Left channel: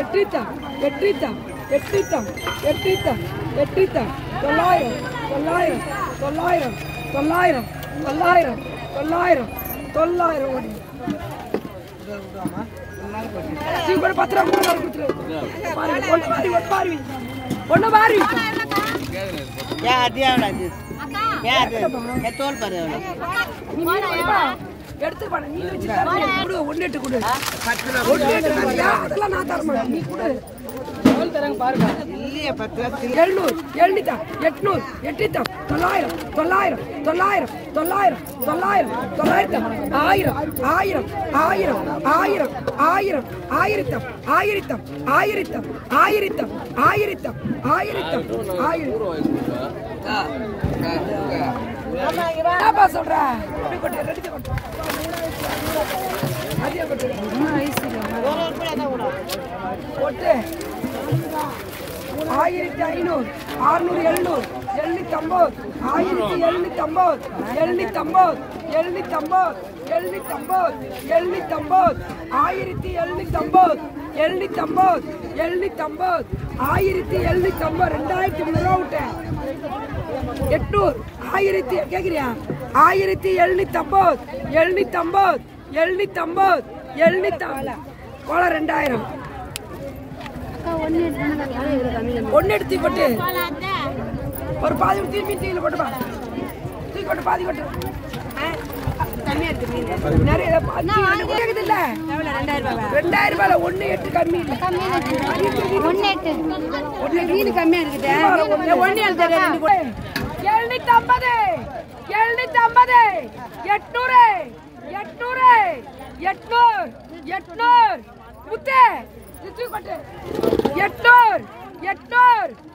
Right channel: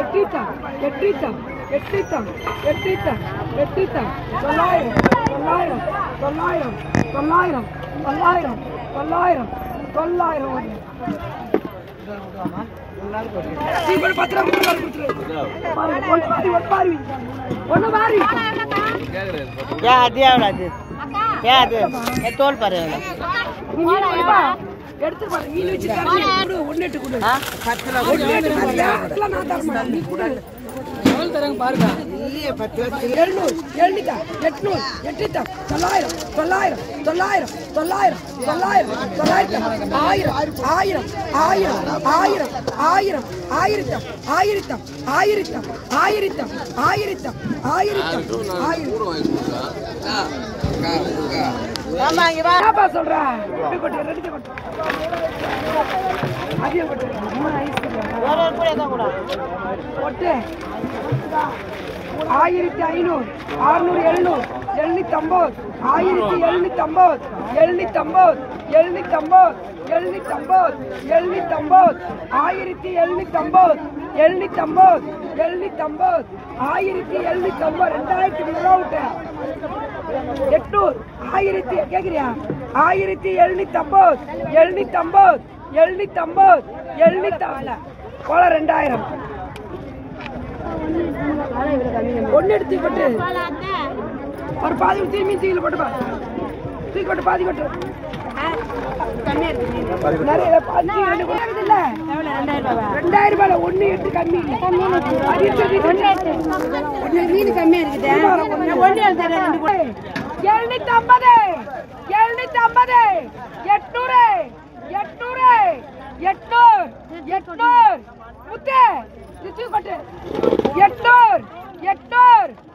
எட்டித்தம் எட்டித்தம் எட்டித்தம் எட்டித்தம் எட்டித்தம் 900 900 900 900 900 900 சீக்கிரம் 10 ரூபாய் ஒண்ணு மாறி क्या दिया वाला जी क्या दिया मैं तोल पर है நீ மீன் எடுத்து வா மீன் வச்சு தரணும் ஒண்ணு எட்டு கொடு 10 கிலோ ஒண்ணு நான் தரமா நீ கொடு எவ்வளவு தரங்க பாருங்க இல்லையே 10 700 800 800 900 900 900 900 900 1000 1000 1000 1000 1000 என்னப்பா சொல்ற ரெடி கொட்டு அதிக கொட்டு இன்னும் நைஸ் இல்ல கொட்டு 1500 600 700 750 1750 1750 1750 1750 1750 1750 1750 1750 1750 2000 800 1000 கேக்குறியா 1750 750 750 750 போல 2000 ஒன்னு எடுத்து கொட்டு ஒரு பாதி திரும்பி தீயில போட்டு பாரு தீ கொட்டு பாதி கொட்டு நிறைய இல்ல 2000 ரூபாய் 1.8 கம்மி மீன் கம்மியா இருக்குது 750 800 முத்தே தீ கொட்டு 800 900